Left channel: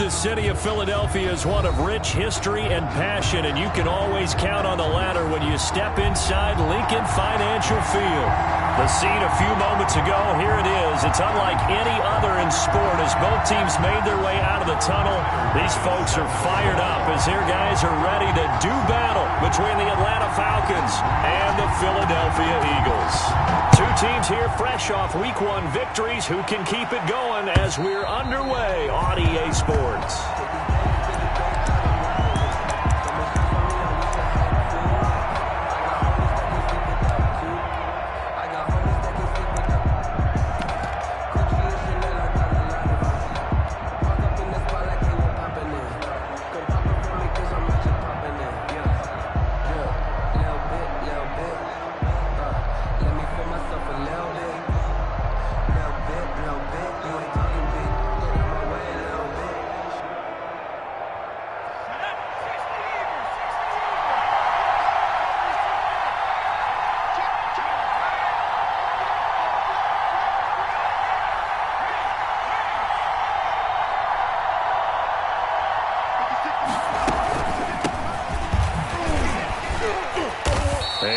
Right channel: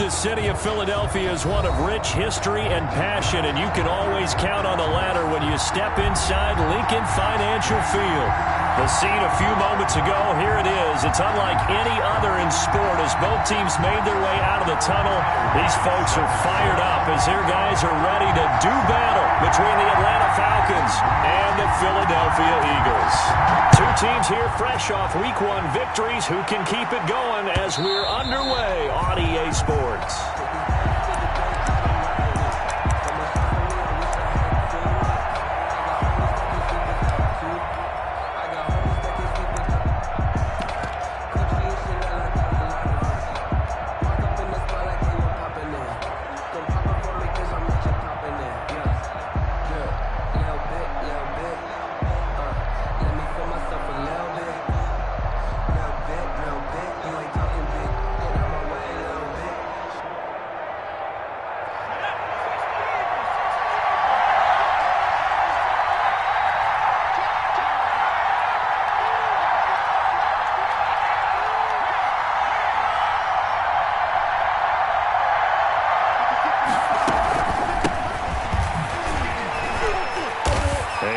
The city of Philadelphia is one of rich history and passion, and you can always count on the ladder when you step inside Lincoln Financial Field. The scene a few moments ago, here it is. It's unlike any other in sport as both teams made their way out of the tunnel. These folks are fired up as their guys are ready to do battle between the Atlanta Falcons and the Philadelphia Eagles. Two teams here fresh off Week 1 victories. Who can keep it going as we're underway on EA Sports?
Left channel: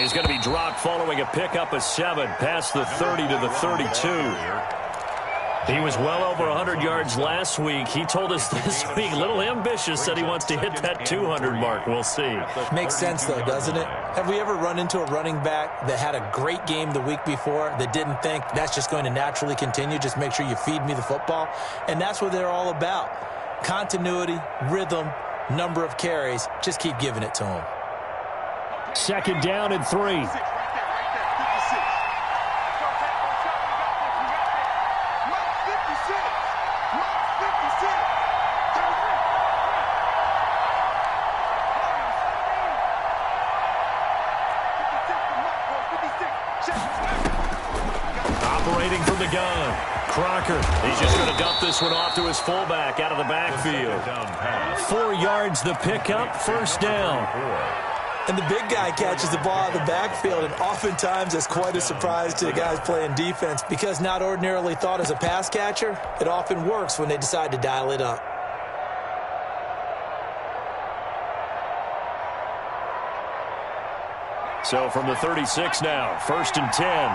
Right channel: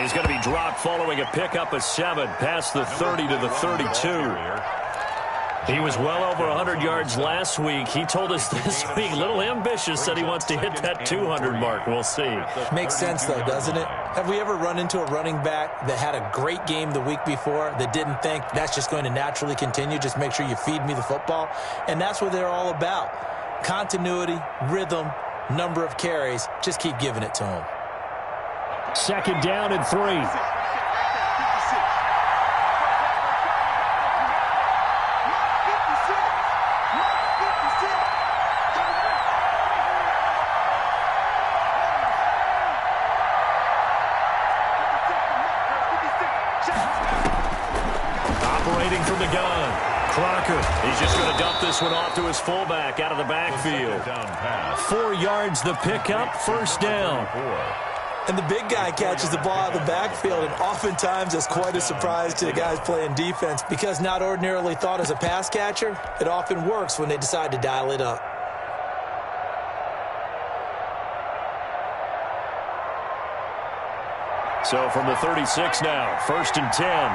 He's going to be dropped following a pickup of 7 past the 30 to the 32. He was well over 100 yards last week. He told us this week, a little ambitious, that he wants to hit that 200 mark. We'll see. Makes sense, though, doesn't it? Have we ever run into a running back that had a great game the week before that didn't think that's just going to naturally continue? Just make sure you feed me the football. And that's what they're all about. Continuity, rhythm, number of carries. Just keep giving it to him. Second down and 3. Operating from the gun. Crocker. He's just going to dump this one off to his fullback out of the backfield. 4 yards the pickup, first down. And the big guy catches the ball out of the backfield, and oftentimes it's quite a surprise to the guys playing defense because not ordinarily thought as a pass catcher, it often works when they decide to dial it up. So from the 36 now, first and 10.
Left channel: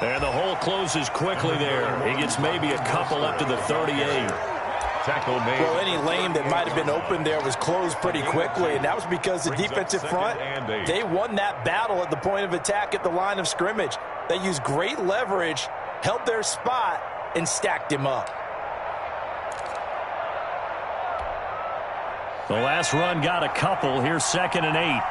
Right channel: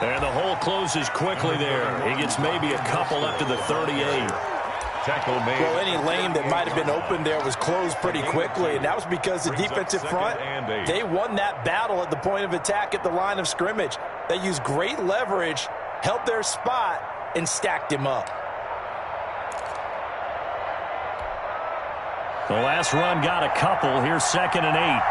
And the hole closes quickly there. He gets maybe a couple up to the 38. Tackle made. Well, any lane that might have been open there was closed pretty quickly, and that was because the defensive front, they won that battle at the point of attack at the line of scrimmage. They used great leverage, held their spot, and stacked him up. The last run got a couple. Here's second and 8.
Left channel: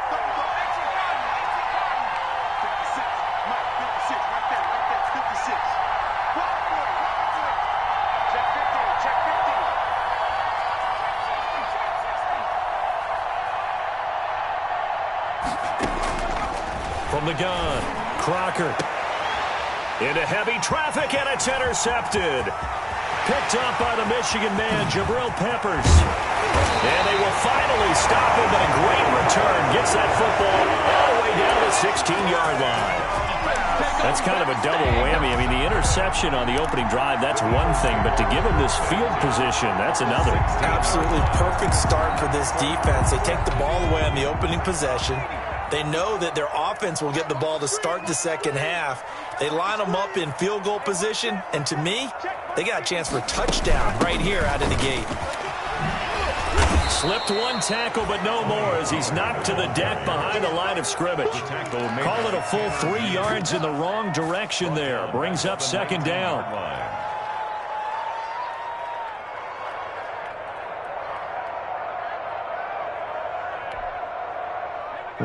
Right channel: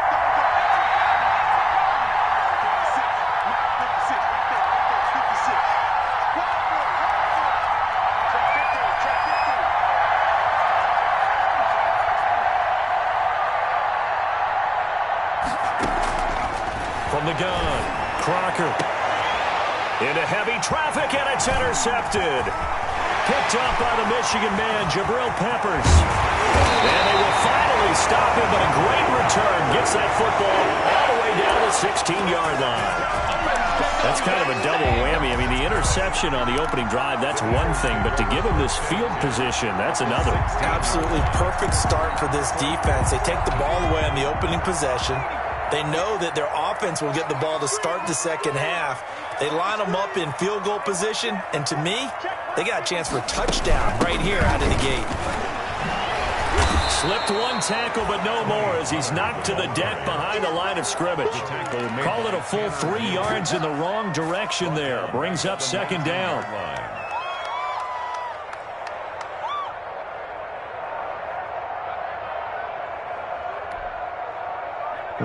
From the gun, Crocker. Into heavy traffic, and it's intercepted. Picked up by the Michigan man, Jabril Peppers. And they will finally stop him, but a great return gets that football all the way down to the 16-yard line. That's kind of a double whammy. I mean, the interception on the opening drive, that's one thing, but to give him this field position, that's another. Absolutely perfect start for this defense. They take the ball away on the opening possession. They know that their offense will get the ball to start the second half. They line them up in field goal position, and to me, they got a chance for a touchdown right here out of the gate. Slipped one tackle, but no more as he's knocked to the deck behind the line of scrimmage. Call it a full 3 yards in the wrong direction there. Brings up second down.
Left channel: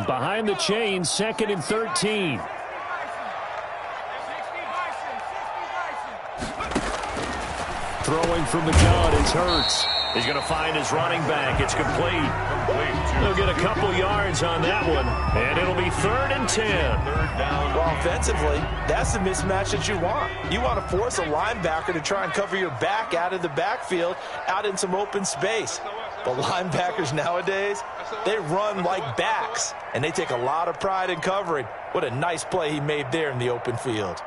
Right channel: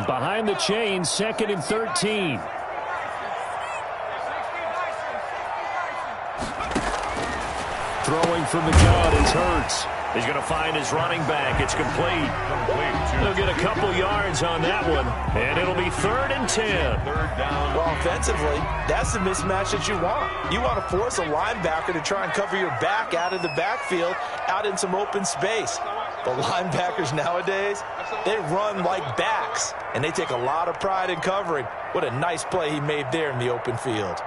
Behind the chains, second and 13. Throwing from the gun is Hurts. He's going to find his running back. It's complete. He'll get a couple yards on that one, and it'll be 3rd and 10. Well, offensively, that's the mismatch that you want. You want to force a linebacker to try and cover your back out of the backfield, out in some open space. But linebackers nowadays, they run like backs, and they take a lot of pride in covering. What a nice play he made there in the open field.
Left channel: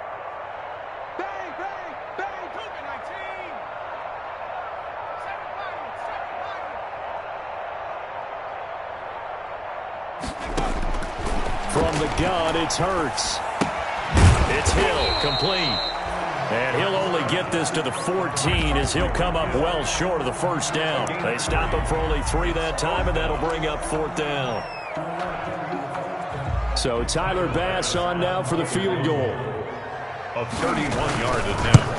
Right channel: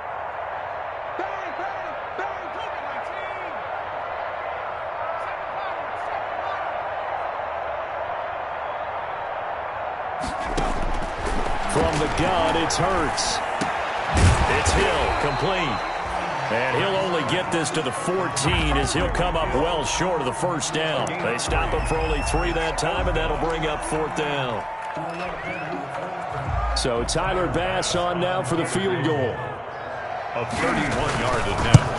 From the gun, it's Hurts. It's Hill, complete. And he'll only get this to the 14 as he'll come up well short of the first down. They stop him for only 3 that time, and that'll bring up 4th down. So Tyler Bass on now for the field goal. A 31-yard attempt.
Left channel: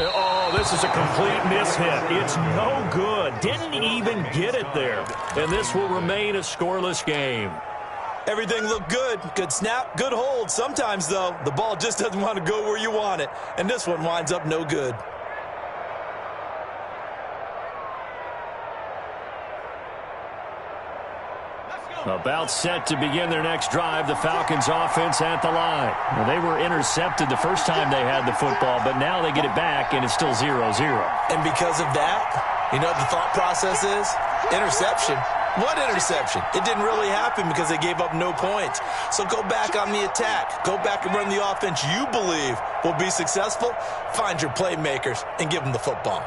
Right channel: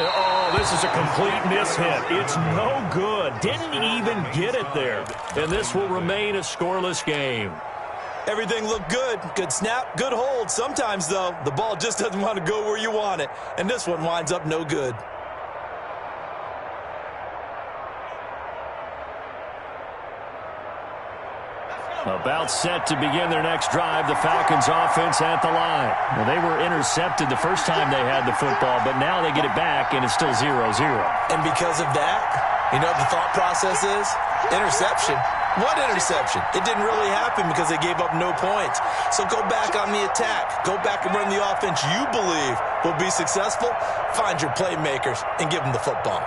Oh, this is a complete mishit. It's no good. Didn't even get it there. And this will remain a scoreless game. Everything looked good. Good snap, good hold. Sometimes, though, the ball just doesn't want to go where you want it. And this one winds up no good. About set to begin their next drive, the Falcons offense at the line. Now, they were intercepted the first time they had the football, but now they get it back, and it's still 0-0. And because of that, you know what the thought process is? Interception. What interception? It didn't really happen because they gave up no points. So go back on the attack. Go back and run the offense you believe will be successful. Find your playmakers and give them the football.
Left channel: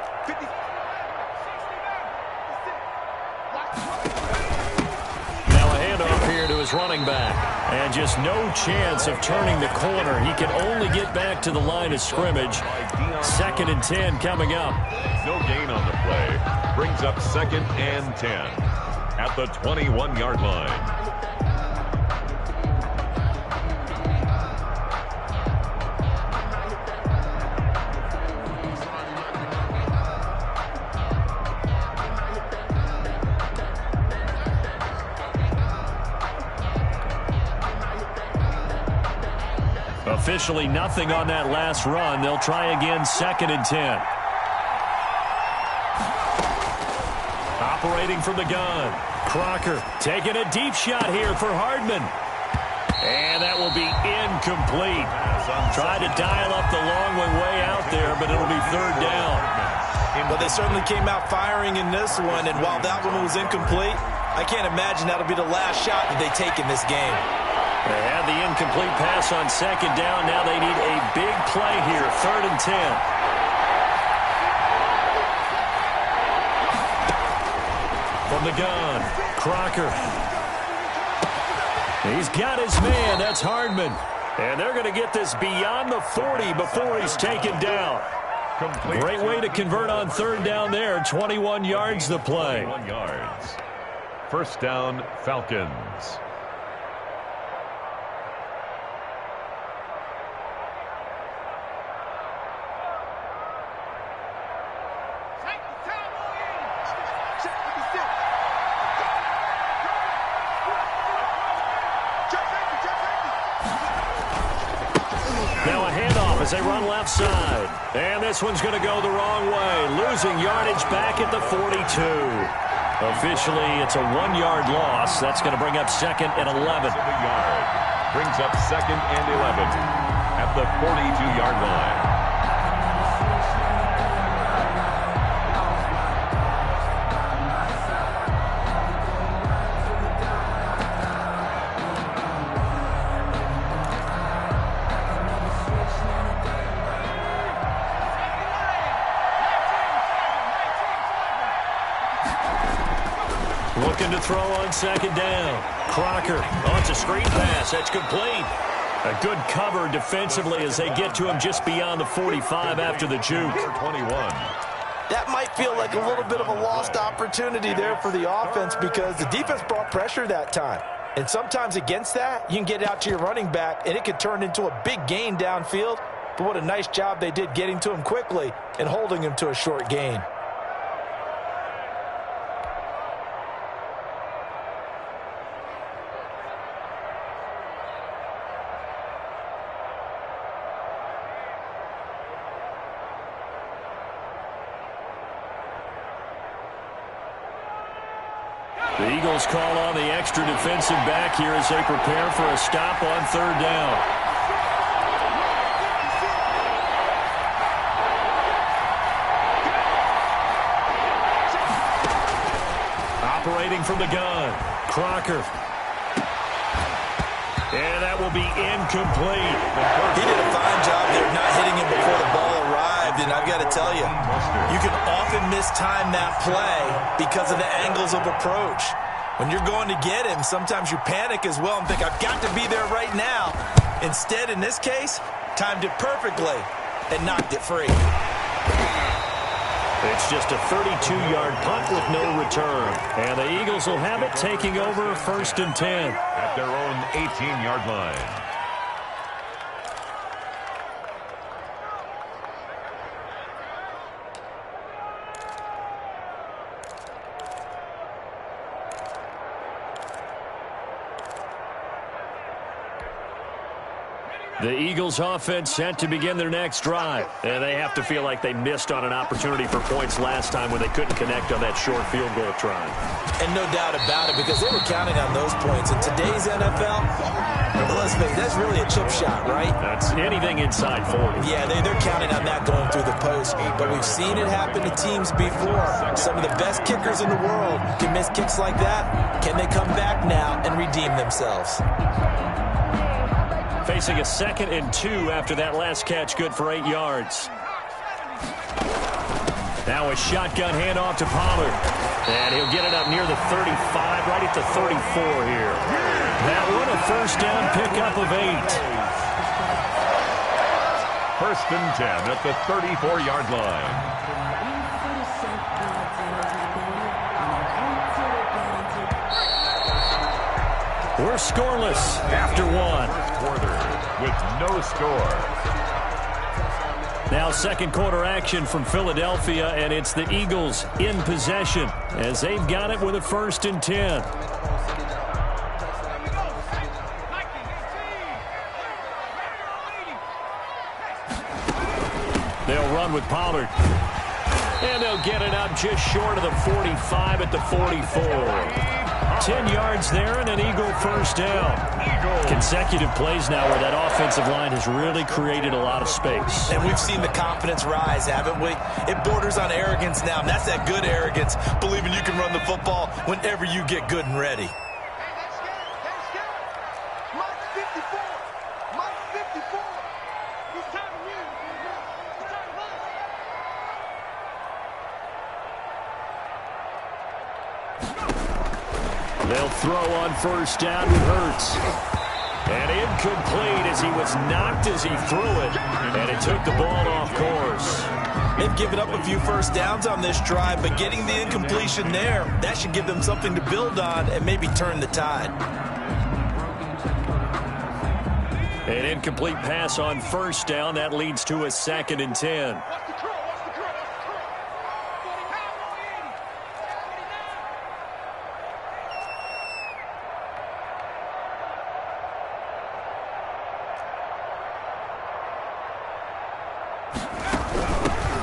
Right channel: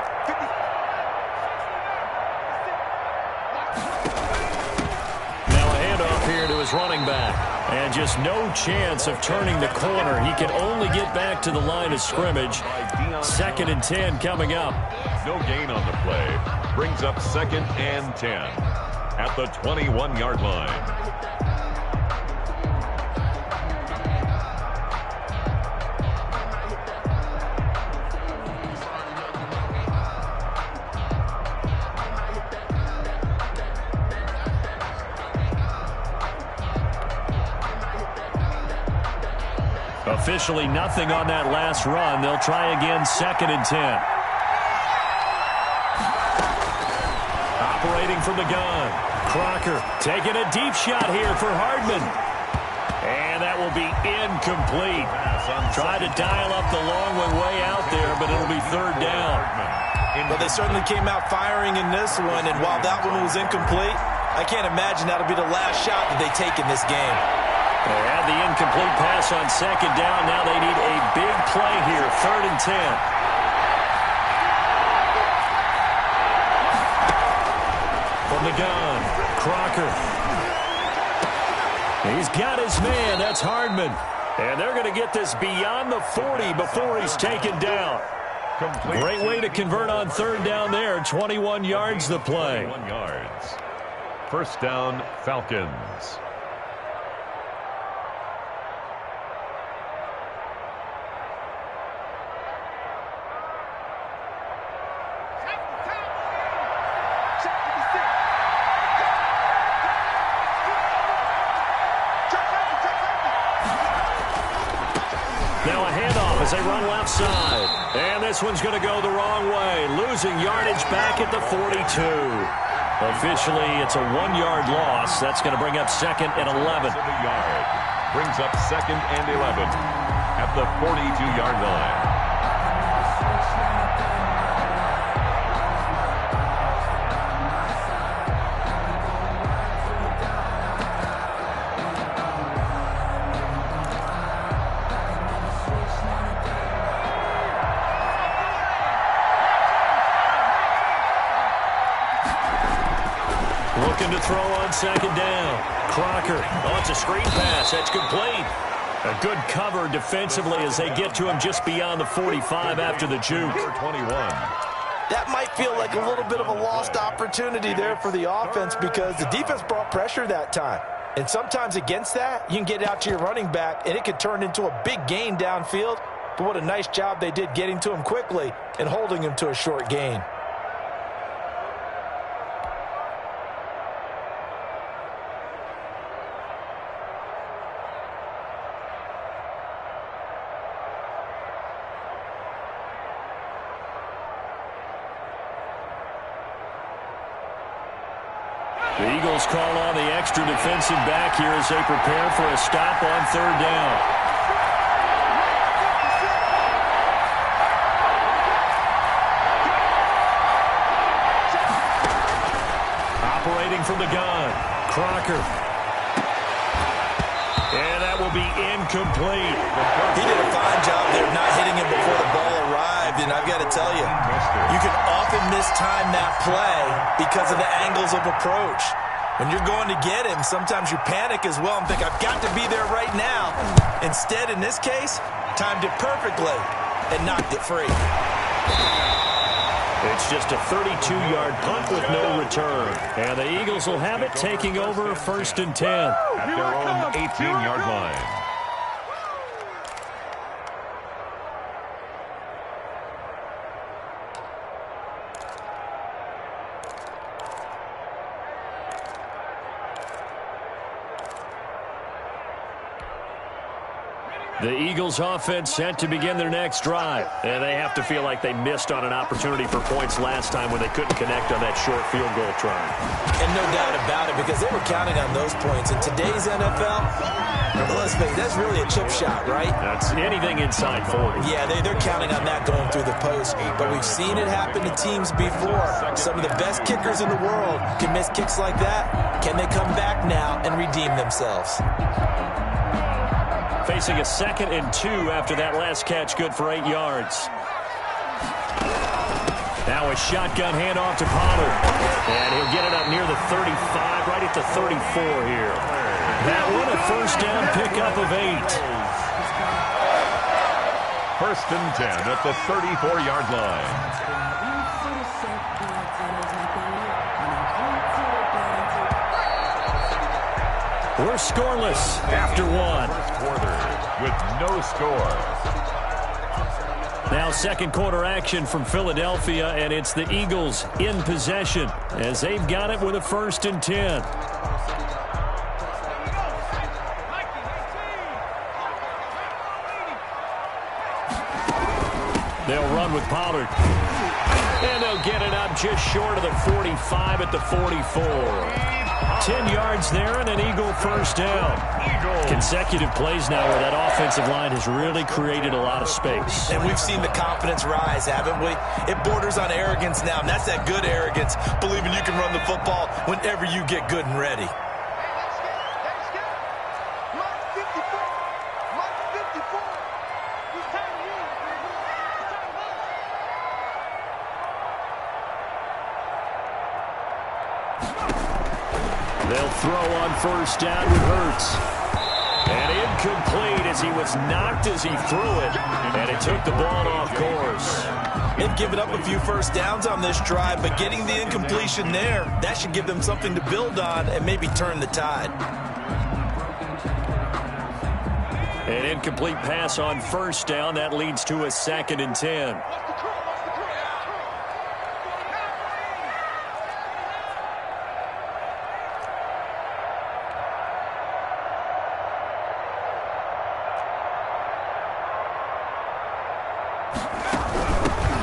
Here to his running back, and just no chance of turning the corner. He can only get back to the line of scrimmage. 2nd and 10 coming up. No gain on the play. Brings up 2nd and 10 at the 21-yard line. Officially nothing on that last run. They'll try again 2nd and 10. Operating from the gun. Crocker taking a deep shot here for Hardman. And that will be incomplete. Tried to dial up the long one way out there, but it'll be 3rd down. But they certainly came out firing in this one, and while that one was incomplete, I can't imagine that'll be the last shot that they take in this game. They had the incomplete pass on 2nd down. Now they need a big play here, 3rd and 10. From the gun, Crocker. He's got his man. That's Hardman. And they're going to get this beyond the 40 before he's taken down. Great way to convert on 3rd down there. 21 yards the play. 21 yards. 1st down, Falcons. Now a handoff as they run left side. And this one's going to go the wrong way. Losing yardage back at the 42. Officially, it's a 1-yard loss. That's going to bring up 2nd and 11. Brings up 2nd and 11 at the 42-yard line. Looking to throw on 2nd down. Crocker. Oh, it's a screen pass. That's complete. A good cover defensively as they get to him just beyond the 45 after the juke. 21. That might feel like a little bit of a lost opportunity there for the offense because the defense brought pressure that time. And sometimes against that, you can get out to your running back, and it could turn into a big gain downfield. But what a nice job they did getting to him quickly and holding him to a short gain. The Eagles call on the extra defensive back here as they prepare for a stop on third down. Operating from the gun, Crocker. And that will be incomplete. He did a fine job there not hitting him before the ball arrived. And I've got to tell you, you can often mistime that play because of the angles of approach. When you're going to get him, sometimes you panic as well and think, I've got to be there right now. Instead, in this case, timed it perfectly and knocked it free. It's just a 32-yard punt with no return. And the Eagles will have it, taking over 1st and 10. At their own 18-yard line. The Eagles offense set to begin their next drive. And they have to feel like they missed on an opportunity for points last time when they couldn't connect on that short field goal try. And no doubt about it, because they were counting on those points. In today's NFL, let's face it, that's really a chip shot, right? That's anything inside 40. Yeah, they're counting on that going through the post. But we've seen it happen to teams before. Some of the best kickers in the world can miss kicks like that. Can they come back now and redeem themselves? Facing a 2nd and 2 after that last catch, good for 8 yards. Now a shotgun handoff to Pollard. And he'll get it up near the 35, right at the 34 here. That one a 1st down pickup of 8. 1st and 10 at the 34-yard line. We're scoreless after one. First quarter with no score. Now 2nd quarter action from Philadelphia, and it's the Eagles in possession as they've got it with a 1st and 10. They'll run with Pollard. And they'll get it up just short of the 45 at the 44. 10 yards there and an Eagle 1st down. Consecutive plays now where that offensive line has really created a lot of space. And we've seen the confidence rise, haven't we? It borders on arrogance now, and that's that good arrogance, believing you can run the football whenever you get good and ready. They'll throw on 1st down with Hurts. And incomplete as he was knocked as he threw it. And it took the ball off course. They've given up a few 1st downs on this drive, but getting the incompletion there, that should give them something to build on and maybe turn the tide. An incomplete pass on 1st down. That leads to a 2nd and 10.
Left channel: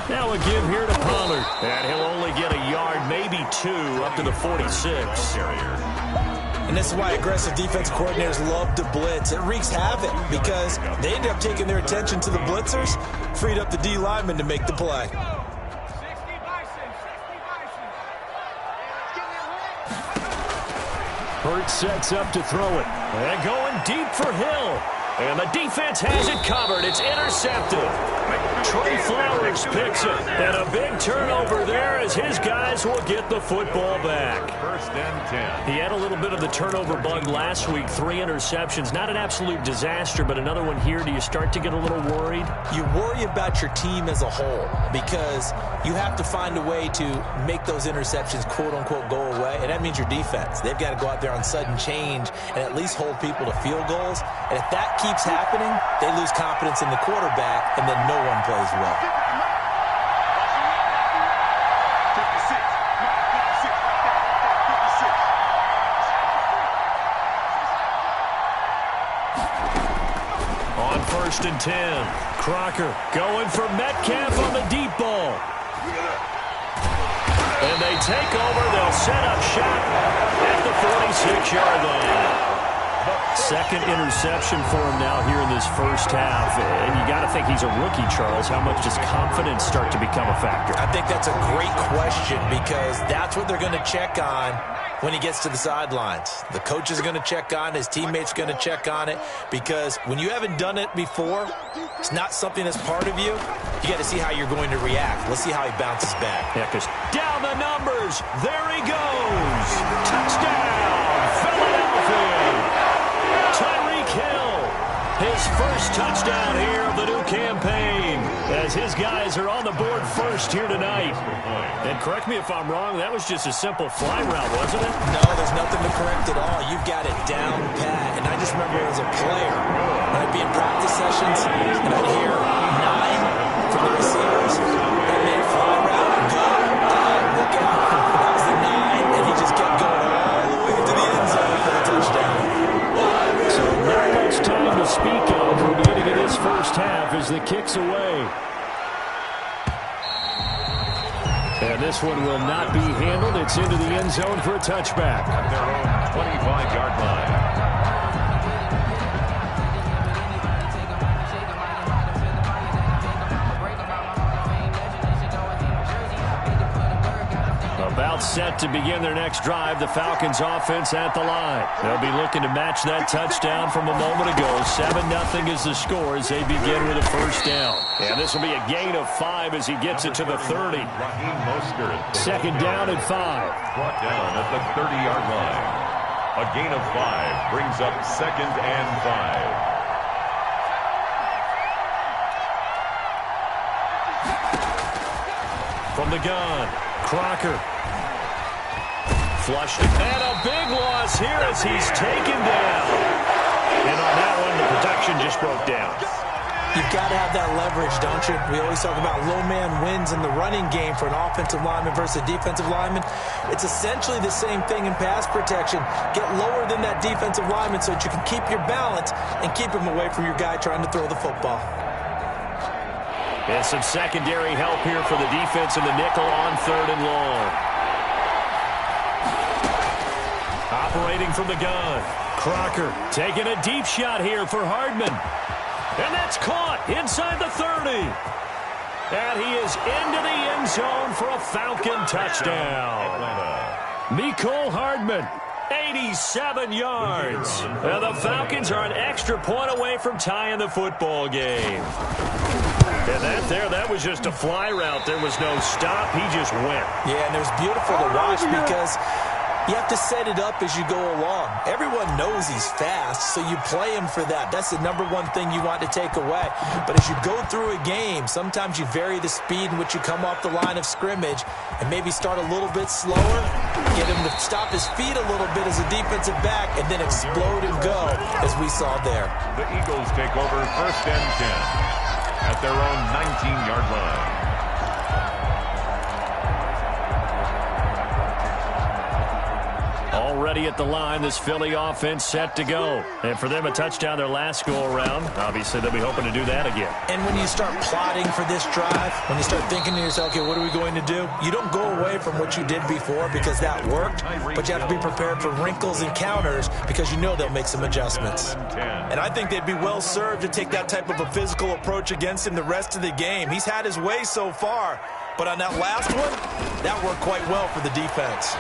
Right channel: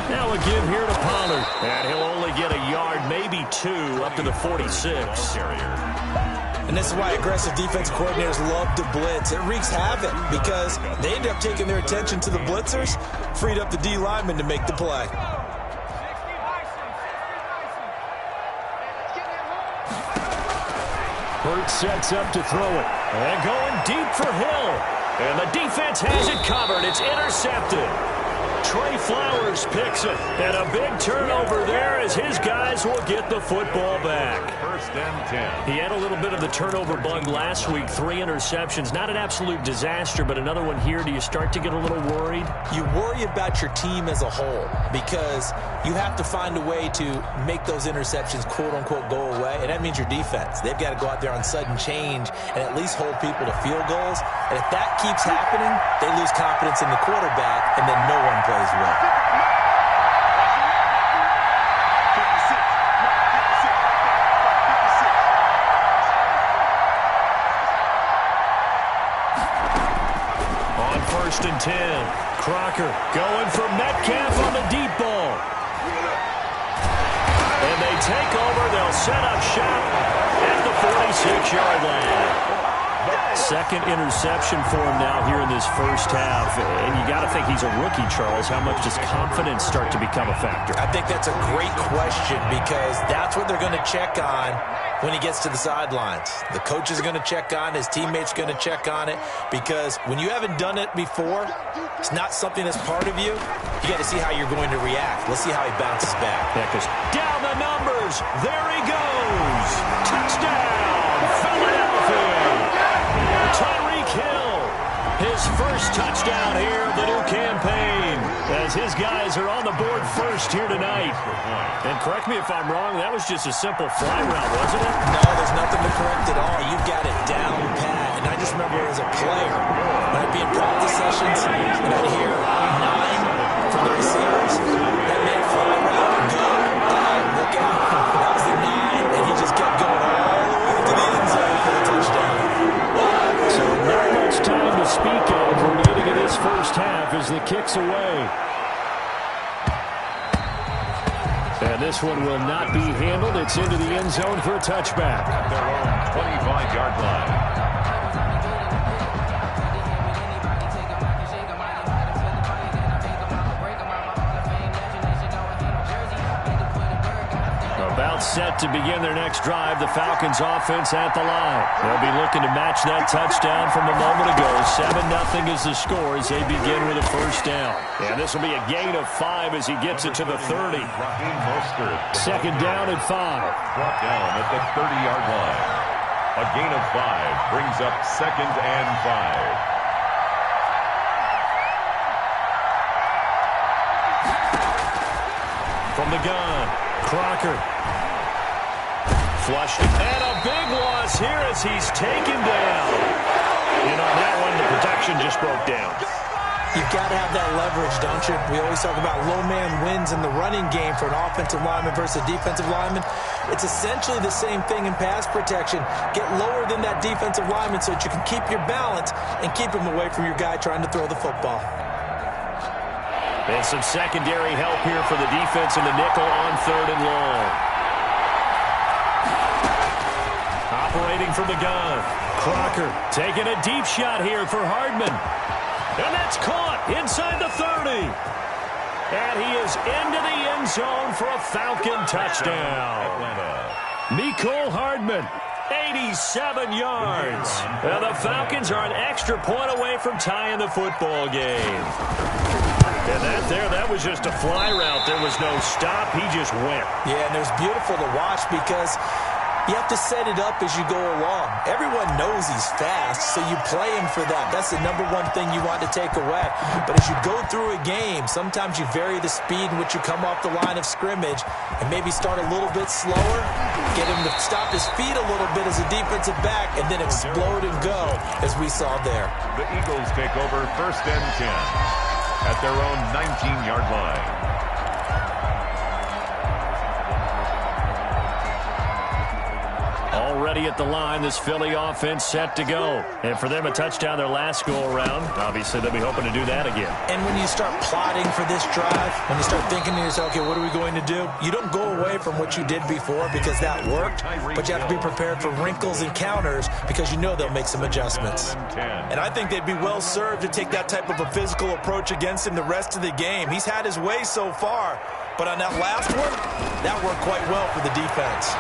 Now a give here to Pollard. And he'll only get a yard, maybe 2, up to the 46. And this is why aggressive defense coordinators love to blitz. It wreaks havoc because they end up taking their attention to the blitzers, freed up the D lineman to make the play. Hurts sets up to throw it. And going deep for Hill. And the defense has it covered. It's intercepted. Trey Flowers picks it. And a big turnover there as his guys will get the football back. 1st and 10. He had a little bit of the turnover bug last week. 3 interceptions. Not an absolute disaster, but another one here. Do you start to get a little worried? You worry about your team as a whole because you have to find a way to make those interceptions, quote-unquote, go away. And that means your defense. They've got to go out there on sudden change and at least hold people to field goals. And if that keeps happening, they lose confidence in the quarterback, and then no one plays well. On 1st and 10, Crocker going for Metcalf on the deep ball. And they take over. They'll set up shop. And 6-yard line. Second interception for him now here in this first half. And you got to think he's a rookie, Charles. How much does confidence start to become a factor? I think that's a great question because that's what they're going to check on when he gets to the sidelines. The coach is going to check on it. His teammates are going to check on it because when you haven't done it before, it's not something that's part of you. You got to see how you're going to react. Let's see how he bounces back. Yeah, because down the numbers. There he goes. Touchdown, Philadelphia. Tyreek Hill, his first touchdown here of the new campaign as his guys are on the board first here tonight. And correct me if I'm wrong, that was just a simple fly route, wasn't it? No, there's nothing to correct at all. You've got it down pat. And I just remember as a player, when I'd be in practice sessions and I'd hear 9 from the receivers, that meant fly route, go, look out. That was the 9, and he just kept going all the way to the end zone for the touchdown. So not much time to speak of remaining in this first half as the kick's away. And this one will not be handled. It's into the end zone for a touchback. At their own 25-yard line. About set to begin their next drive, the Falcons offense at the line. They'll be looking to match that touchdown from a moment ago. 7-0 is the score as they begin with a first down. And this will be a gain of 5 as he gets it to the 30. Second down and 5. Brought down at the 30-yard line. A gain of 5 brings up second and 5. From the gun, Crocker. Flushed and a big loss here as he's taken down. And on that one, the protection just broke down. You've got to have that leverage, don't you? We always talk about low man wins in the running game for an offensive lineman versus a defensive lineman. It's essentially the same thing in pass protection. Get lower than that defensive lineman so that you can keep your balance and keep him away from your guy trying to throw the football. And some secondary help here for the defense in the nickel on 3rd and long. Operating from the gun. Crocker taking a deep shot here for Hardman. And that's caught inside the 30. And he is into the end zone for a Falcon touchdown. Mecole Hardman, 87 yards. And the Falcons are an extra point away from tying the football game. And that was just a fly route. There was no stop. He just went. Yeah, and it was beautiful to watch because you have to set it up as you go along. Everyone knows he's fast, so you play him for that. That's the number one thing you want to take away. But as you go through a game, sometimes you vary the speed in which you come off the line of scrimmage and maybe start a little bit slower, get him to stop his feet a little bit as a defensive back, and then explode and go, as we saw there. The Eagles take over 1st and 10. At their own 19-yard line. Already at the line, this Philly offense set to go. And for them, a touchdown their last go-around. Obviously, they'll be hoping to do that again. And when you start plotting for this drive, when you start thinking to yourself, okay, what are we going to do? You don't go away from what you did before because that worked, but you have to be prepared for wrinkles and counters because you know they'll make some adjustments. And I think they'd be well served to take that type of a physical approach against him the rest of the game. He's had his way so far, but on that last one, that worked quite well for the defense.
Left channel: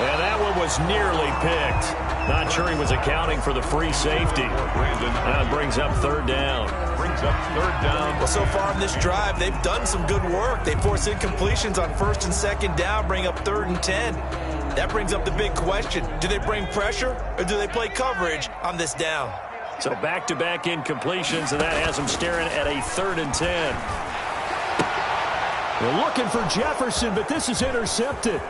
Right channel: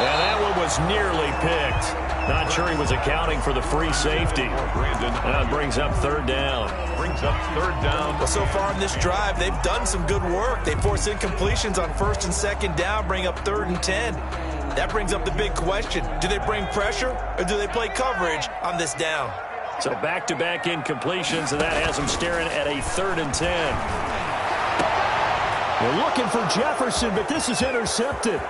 And that one was nearly picked. Not sure he was accounting for the free safety. That brings up 3rd down. Well, so far in this drive, they've done some good work. They force incompletions on 1st and 2nd down, bring up 3rd and 10. That brings up the big question. Do they bring pressure or do they play coverage on this down? So back-to-back incompletions, and that has them staring at a 3rd and 10. They're looking for Jefferson, but this is intercepted.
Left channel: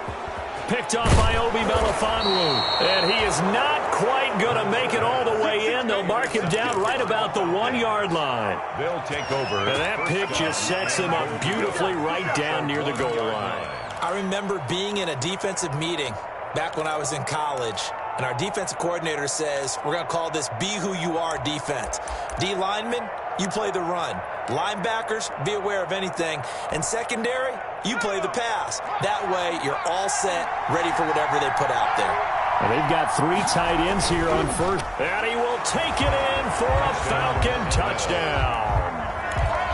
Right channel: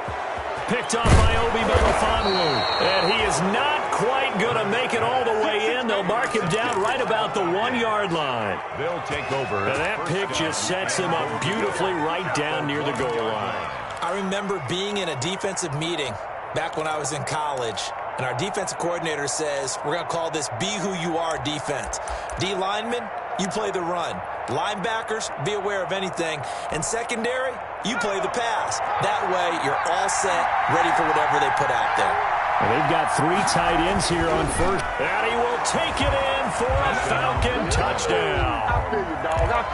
Picked off by Obi Melifonwu. And he is not quite going to make it all the way in. They'll mark him down right about the 1-yard line. They'll take over. And that pick just sets him up beautifully right down near the goal line. I remember being in a defensive meeting back when I was in college, and our defensive coordinator says, we're going to call this Be Who You Are defense. D linemen, you play the run. Linebackers, be aware of anything. And secondary, you play the pass. That way, you're all set, ready for whatever they put out there. Well, they've got 3 tight ends here on first. And he will take it in for a Falcon touchdown.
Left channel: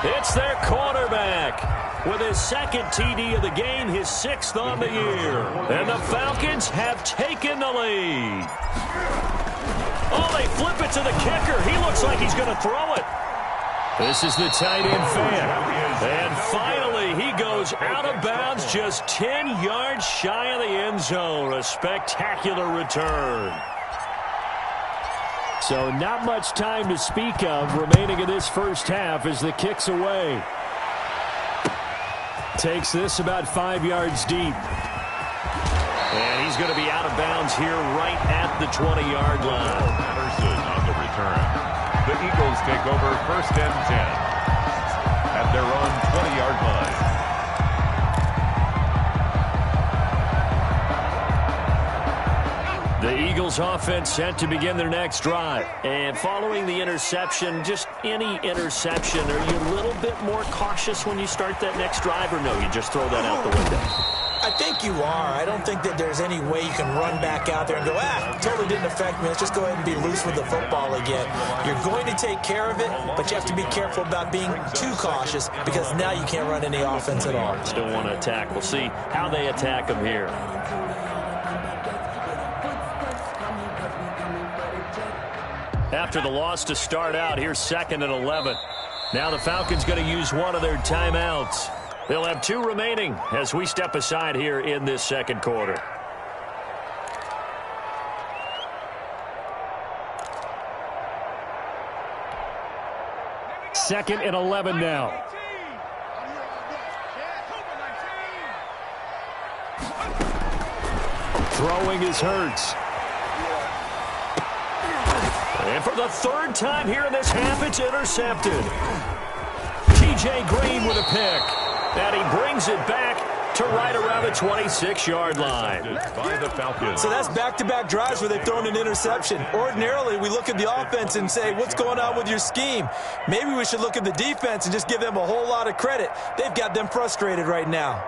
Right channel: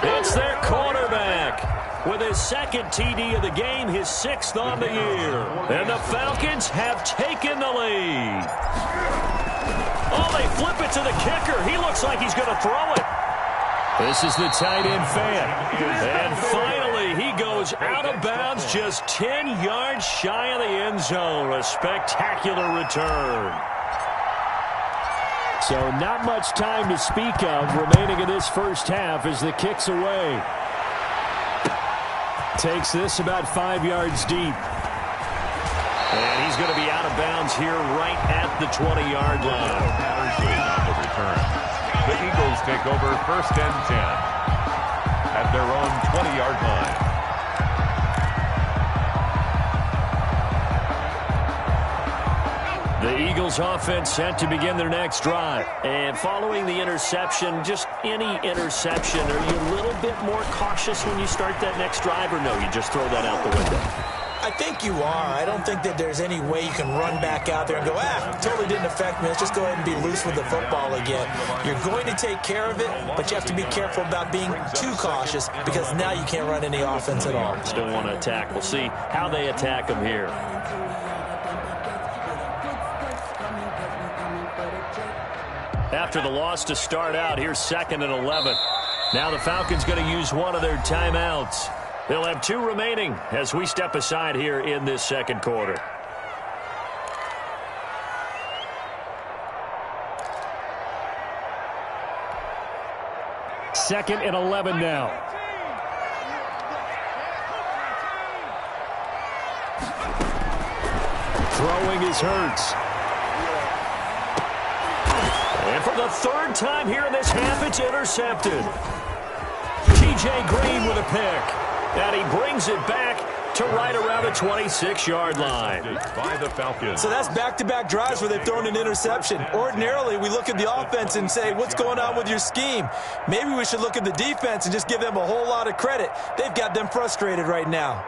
It's their quarterback with his second TD of the game, his 6th on the year. And the Falcons have taken the lead. Oh, they flip it to the kicker. He looks like he's going to throw it. This is the tight end fan. And finally, he goes out of bounds just 10 yards shy of the end zone. A spectacular return. So not much time to speak of remaining in this first half as the kick's away. Takes this about 5 yards deep. And he's going to be out of bounds here right at the 20-yard line. Patterson on the return. The Eagles take over 1st and 10 at their own 20-yard line. The Eagles offense set to begin their next drive. And following the interception, just any interception, are you a little bit more cautious when you start that next drive, or no, you just throw that out the window? I think you are. I don't think that there's any way you can run back out there and go, totally didn't affect me. Let's just go ahead and be loose with the football again. You're going to take care of it, but you have to be careful about being too cautious because now you can't run any offense at all. Still want to attack. We'll see how they attack them here. After the loss to start out, here's 2nd and 11. Now the Falcons going to use one of their timeouts. They'll have 2 remaining as we step aside here in this second quarter. Second and 11 now. Throwing is Hurts. And for the 3rd time here in this half, it's intercepted. T.J. Green with a pick. And he brings it back to right around the 26-yard line. By the Falcons. So that's back-to-back drives where they've thrown an interception. Ordinarily, we look at the offense and say, what's going on with your scheme? Maybe we should look at the defense and just give them a whole lot of credit. They've got them frustrated right now.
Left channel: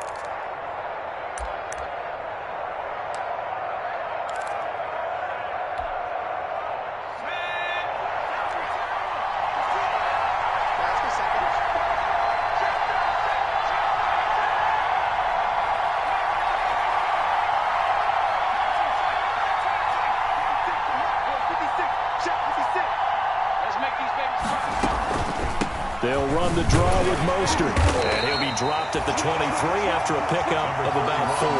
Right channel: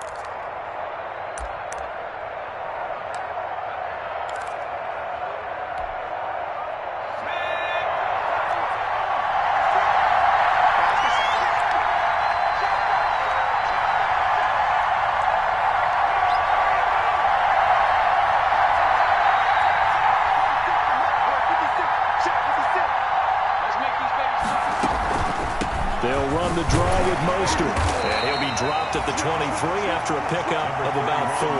They'll run the draw with Mostert. And he'll be dropped at the 23 after a pickup of about 4.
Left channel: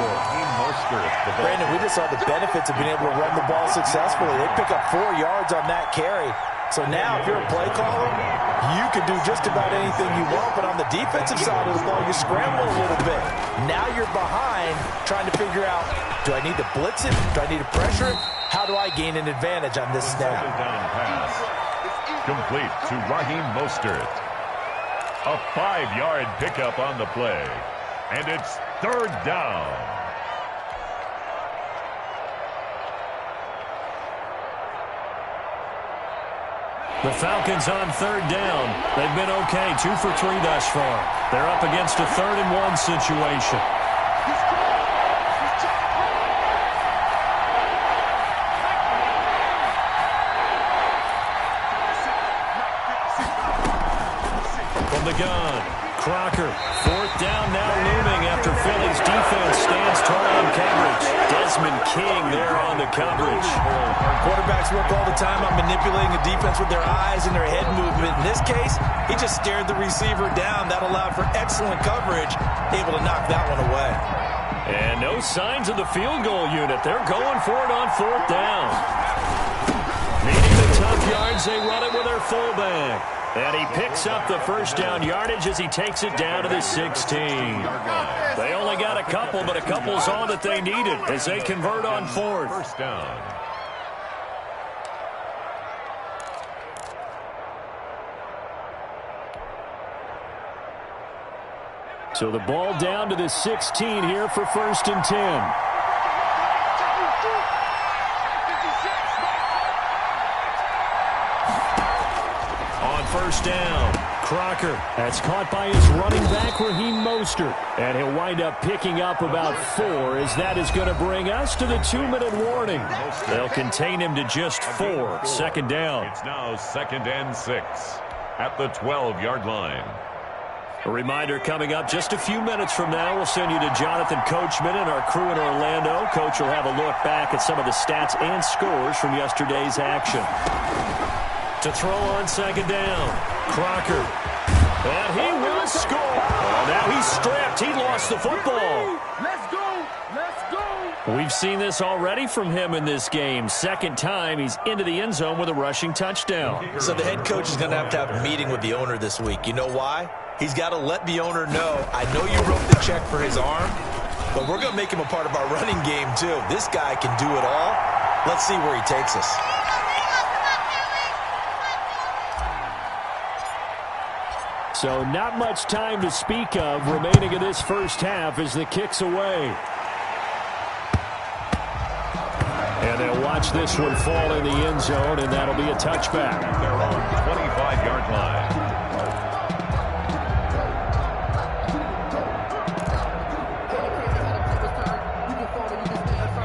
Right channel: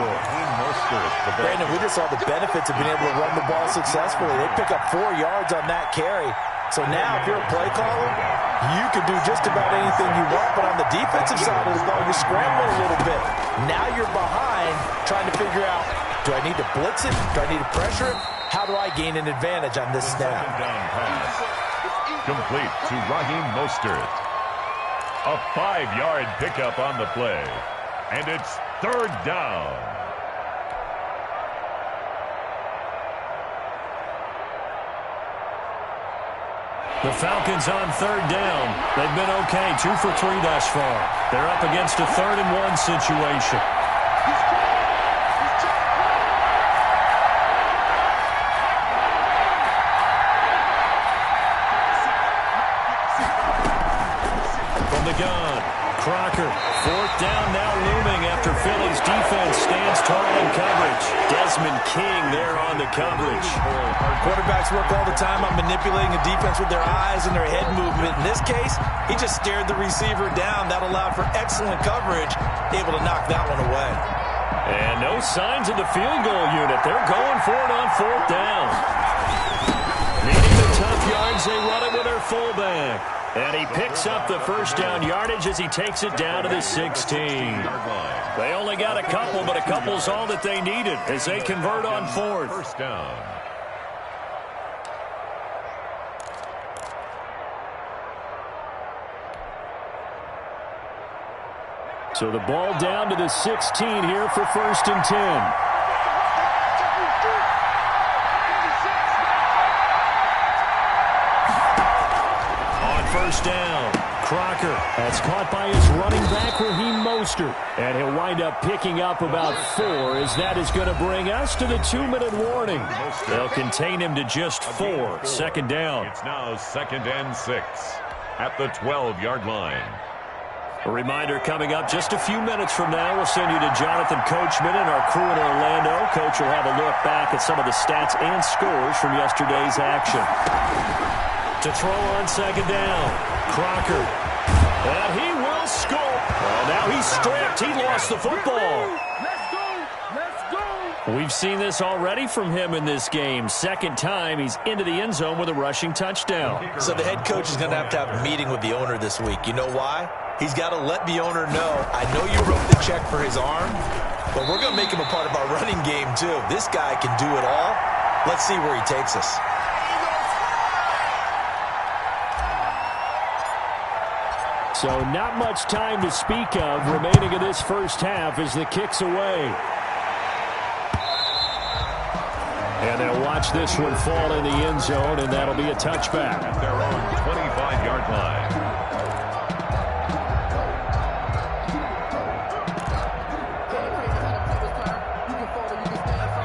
Brandon, we just saw the benefits of being able to run the ball successfully. They pick up 4 yards on that carry. So now if you're a play caller, you can do just about anything you want. But on the defensive side of the ball, you scramble a little bit. Now you're behind trying to figure out, do I need to blitz it? Do I need to pressure it? How do I gain an advantage on this snap? Down pass. Complete to Raheem Mostert. A 5-yard pickup on the play. And it's 3rd down. The Falcons on 3rd down. They've been okay, 2 for 3 thus far. They're up against a 3rd and 1 situation. From the gun, Crocker, 4th down now looming after Philly's defense stands tall in coverage. Desmond King there on the coverage. Quarterbacks work all the time on manipulating a defense with their eyes and their head movement. In this case, he just stared the receiver down. That allowed for excellent coverage, able to knock that one away. And no signs of the field goal unit. They're going for it on 4th down. Needing the tough yards, they run it with their fullback. And he picks up the 1st down yardage as he takes it down to the 16. They only got a couple, but a couple's all that they needed as they convert on 4th. 1st down. So the ball down to the 16 here for 1st and 10. first down. Crocker, that's caught by his running back, Raheem Mostert. And he'll wind up picking up about 4, as that is going to bring us to the 2-minute warning. They'll contain him to just 4. Second down. It's now 2nd and 6 at the 12-yard line. A reminder coming up just a few minutes from now. We'll send you to Jonathan Coachman and our crew in Orlando. Coach will have a look back at some of the stats and scores from yesterday's action. To throw on second down, Crocker. And he will score. Oh, now he's stripped. He lost the football. Let's go. Let's go. We've seen this already from him in this game. Second time he's into the end zone with a rushing touchdown. So the head coach is going to have a meeting with the owner this week. You know why? He's got to let the owner know, I know you wrote the check for his arm, but we're going to make him a part of our running game too. This guy can do it all. Let's see where he takes us. So not much time to speak of remaining in this first half as the kick's away. And they'll watch this one fall in the end zone, and that'll be a touchback. At their own 25-yard line.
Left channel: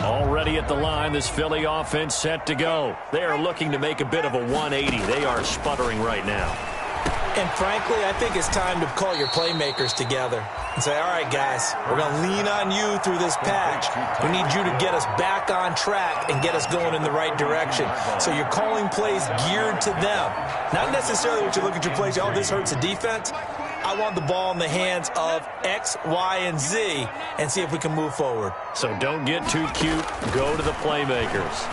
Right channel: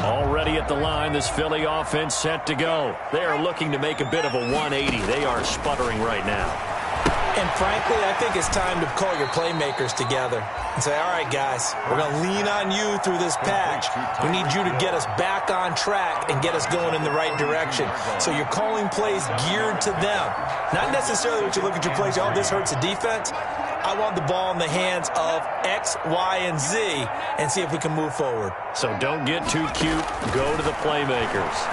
Already at the line, this Philly offense set to go. They are looking to make a bit of a 180. They are sputtering right now. And frankly, I think it's time to call your playmakers together and say, all right, guys, we're going to lean on you through this patch. We need you to get us back on track and get us going in the right direction. So you're calling plays geared to them. Not necessarily what you look at your plays, oh, this hurts the defense. I want the ball in the hands of X, Y, and Z and see if we can move forward. So don't get too cute. Go to the playmakers.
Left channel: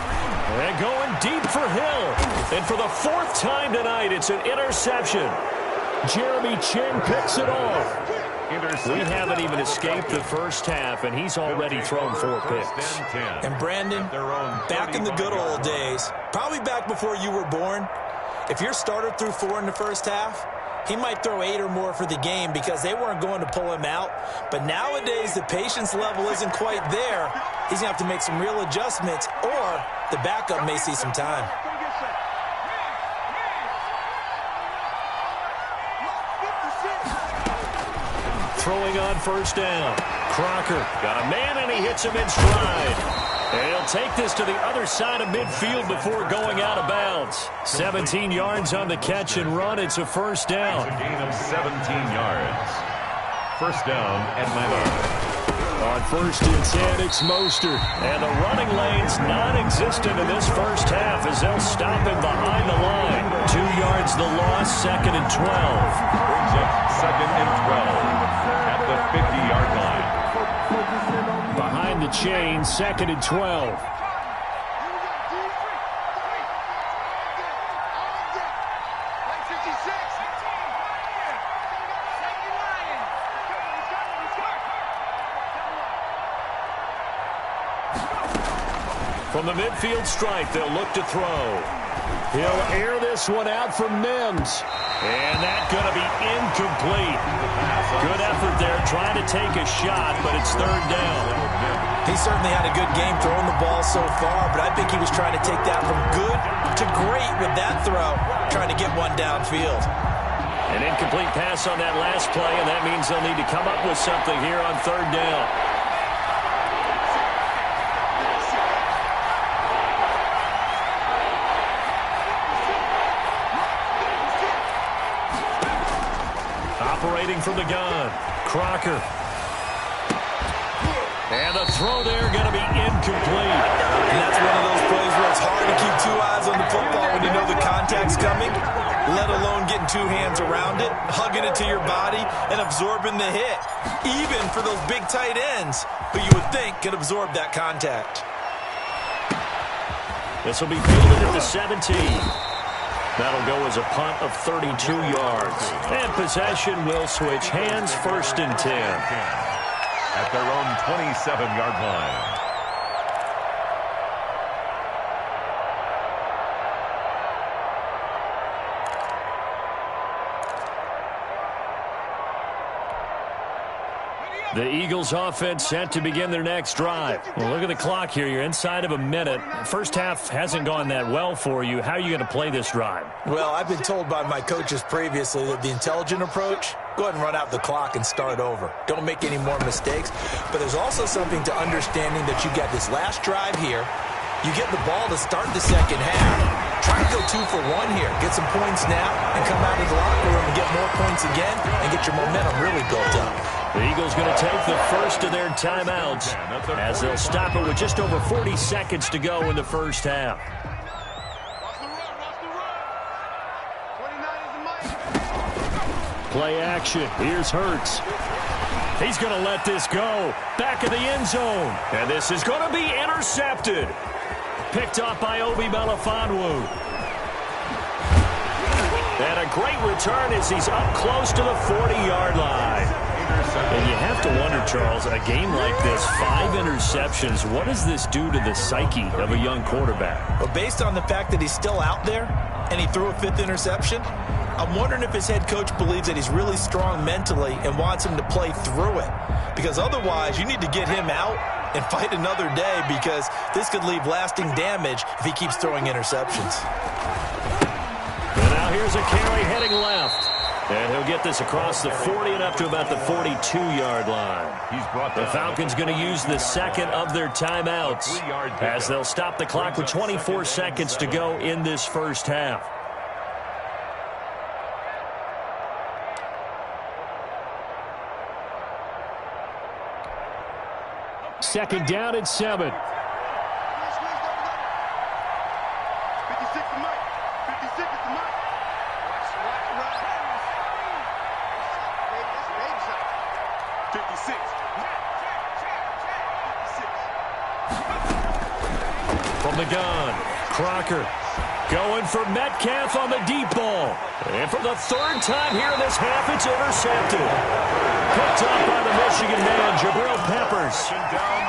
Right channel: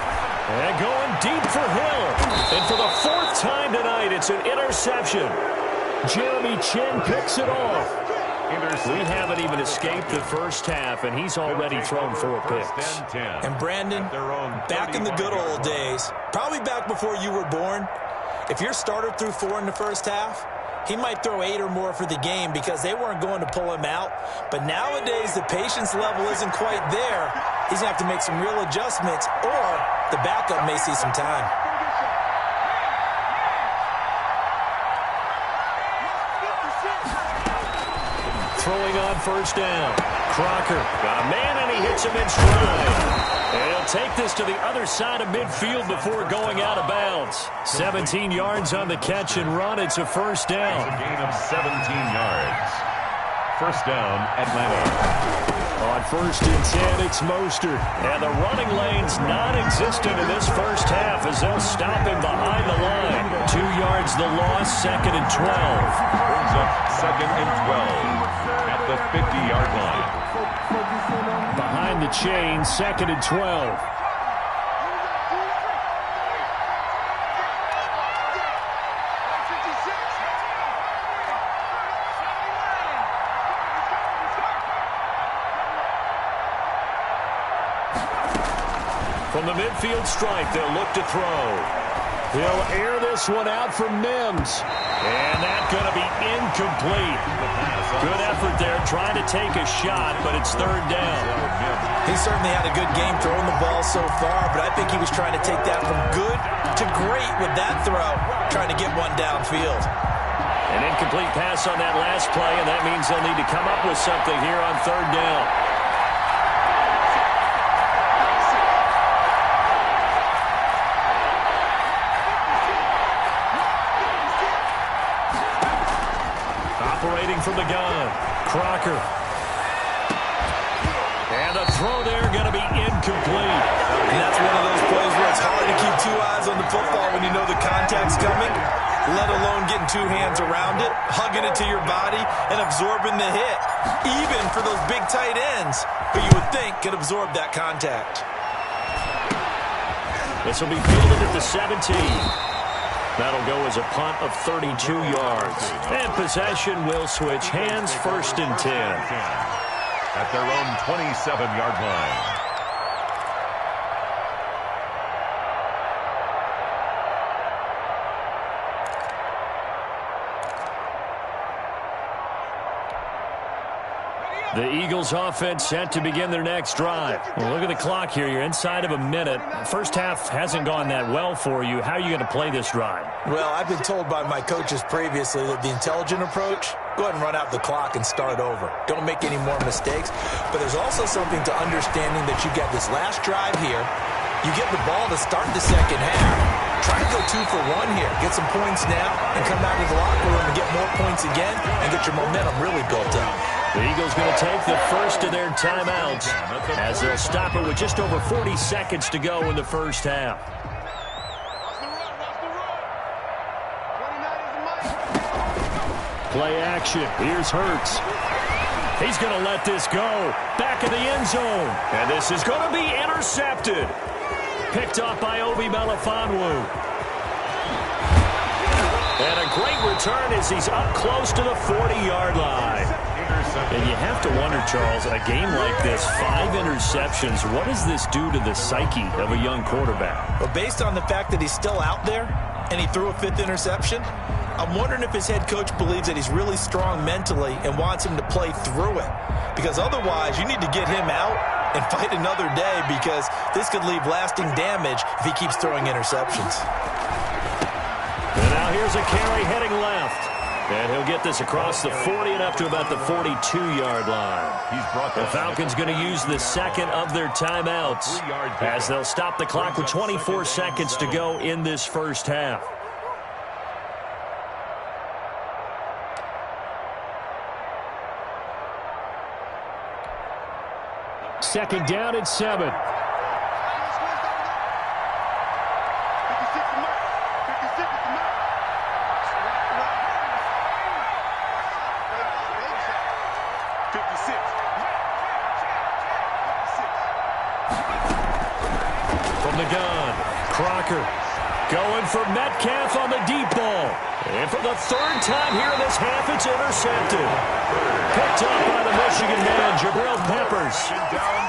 And going deep for Hill. And for the 4th time tonight, it's an interception. Jeremy Chin picks it off. We haven't even escaped the first half, and he's already thrown 4 picks. And Brandon, back in the good old days, probably back before you were born, if your starter threw 4 in the first half, he might throw 8 or more for the game because they weren't going to pull him out. But nowadays, the patience level isn't quite there. He's going to have to make some real adjustments, or the backup may see some time. Throwing on first down. Crocker got a man, and he hits him in stride. And he'll take this to the other side of midfield before going out of bounds. 17 yards on the catch and run. It's a first down. It's a gain of 17 yards. First down, Atlanta. On 1st and 10, it's Mostert. And the running lane's non-existent in this first half as they'll stop him behind the line. 2 yards the loss, 2nd and 12. Brings up 2nd and 12 at the 50-yard line. Behind the chain, 2nd and 12. From the midfield stripe, they'll look to throw. He'll air this one out from Mims. And that's going to be incomplete. Good effort there trying to take a shot, but it's 3rd down. He certainly had a good game throwing the ball so far, but I think he was trying to take that from good to great with that throw, trying to get one downfield. An incomplete pass on that last play, and that means they'll need to come up with something here on 3rd down. Operating from the gun, Crocker. And the throw there going to be incomplete. And that's one of those plays where it's hard to keep 2 eyes on the football when you know the contact's coming, let alone getting 2 hands around it, hugging it to your body, and absorbing the hit. Even for those big tight ends, who you would think could absorb that contact. This will be fielded at the 17. That'll go as a punt of 32 yards. And possession will switch hands, 1st and 10. At their own 27-yard line. The Eagles offense set to begin their next drive. Well, look at the clock here. You're inside of a minute. First half hasn't gone that well for you. How are you going to play this drive? Well, I've been told by my coaches previously that the intelligent approach, go ahead and run out the clock and start over. Don't make any more mistakes. But there's also something to understanding that you get this last drive here. You get the ball to start the second half. Try to go 2 for 1 here. Get some points now and come out of the locker room and get more points again and get your momentum really built up. The Eagles going to take the first of their timeouts as they'll stop it with just over 40 seconds to go in the first half. Play action. Here's Hurts. He's going to let this go. Back of the end zone. And this is going to be intercepted. Picked off by Obi Melifonwu. And a great return as he's up close to the 40-yard line. And you have to wonder, Charles, a game like this, 5 interceptions, what does this do to the psyche of a young quarterback? Well, based on the fact that he's still out there and he threw a 5th interception, I'm wondering if his head coach believes that he's really strong mentally and wants him to play through it. Because otherwise, you need to get him out and fight another day, because this could leave lasting damage if he keeps throwing interceptions. And now here's a carry heading left. And he'll get this across the 40 and up to about the 42-yard line. The Falcons going to use the second of their timeouts as they'll stop the clock with 24 seconds to go in this first half. Second down and 7. 56 to Mike. 56 to Mike. Watch around. 56. 56. From the gun, Crocker going for Metcalf on the deep ball. And for the 3rd time here in this half, it's intercepted. Picked up by the Michigan man, Jabril Peppers.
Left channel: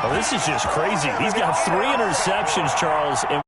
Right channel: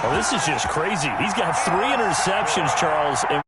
Oh, this is just crazy. He's got 3 interceptions, Charles, and